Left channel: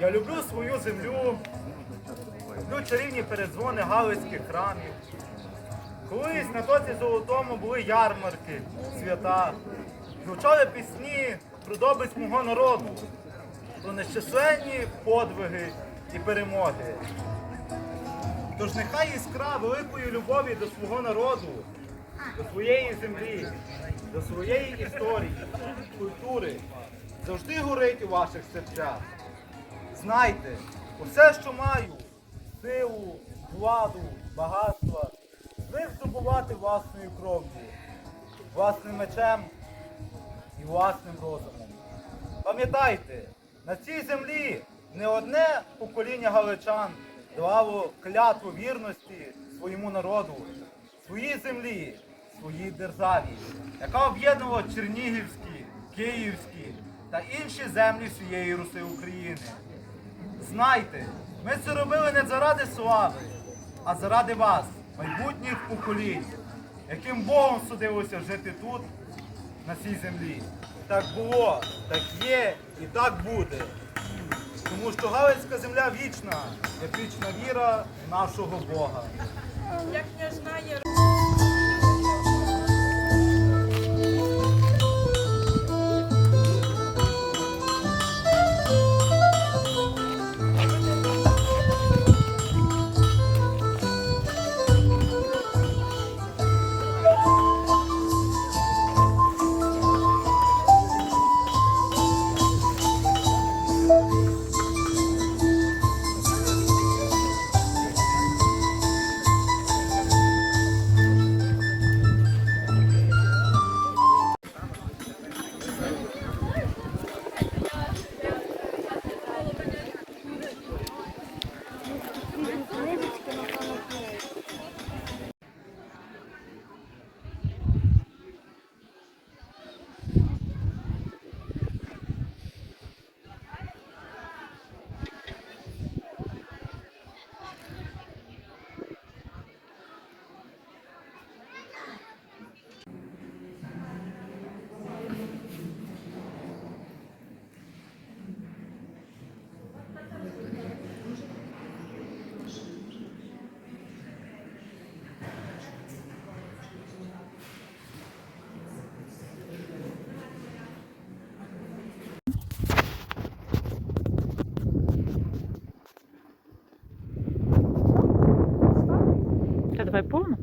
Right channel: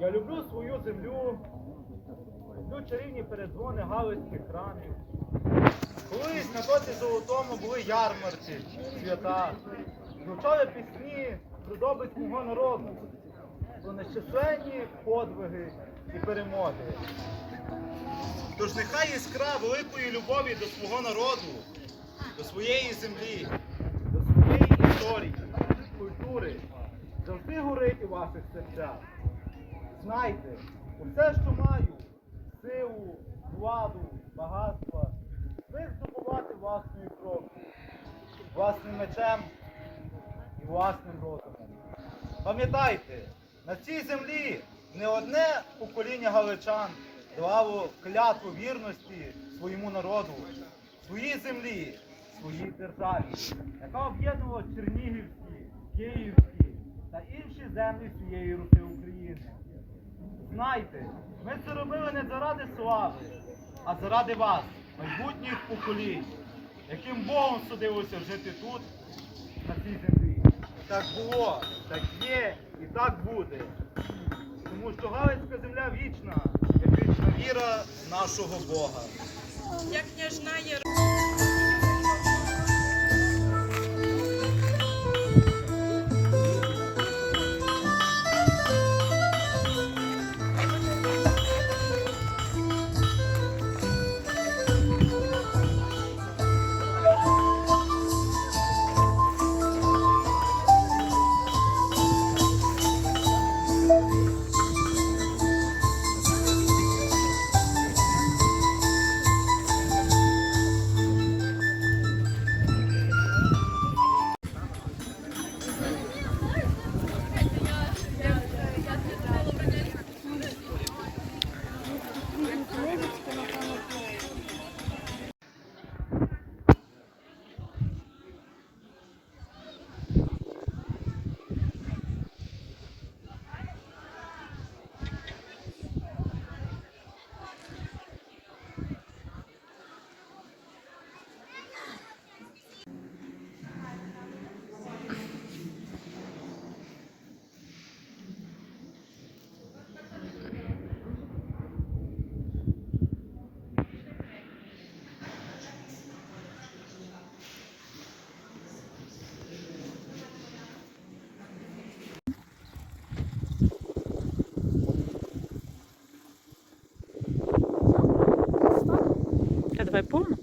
Я люблю свою землю, люблю чарівні передзвони галицьких храмів. Колись на тоці золотому були ярмарки, свята. Звучали пісні про добиць мого народу, про нещасленні подвиги і перемоги. Тож нехай іскра великої любові до свого народу, до своєї землі, до своєї історії, культури завжди горить у ваших серцях. Знайте, усе, що маю, силу, владу, багатство, звик здобувати власною кров'ю, власним мечем і власним розумом. Пам'ятайте, на цій землі не одне покоління галичан давало клятву вірності своєму народу, своїй землі, своїй державі, яка об'єднувала Чернігівські, Київські та інші землі всієї Руси України. Знайте, ми це робили не заради слави, а заради вас, майбутніх поколінь, яким Богом судилося жити тут, на цій землі. Так було, так є і так буде. Тому що Галицька земля вічна, як вічна віра нашого Бога. А давай повну.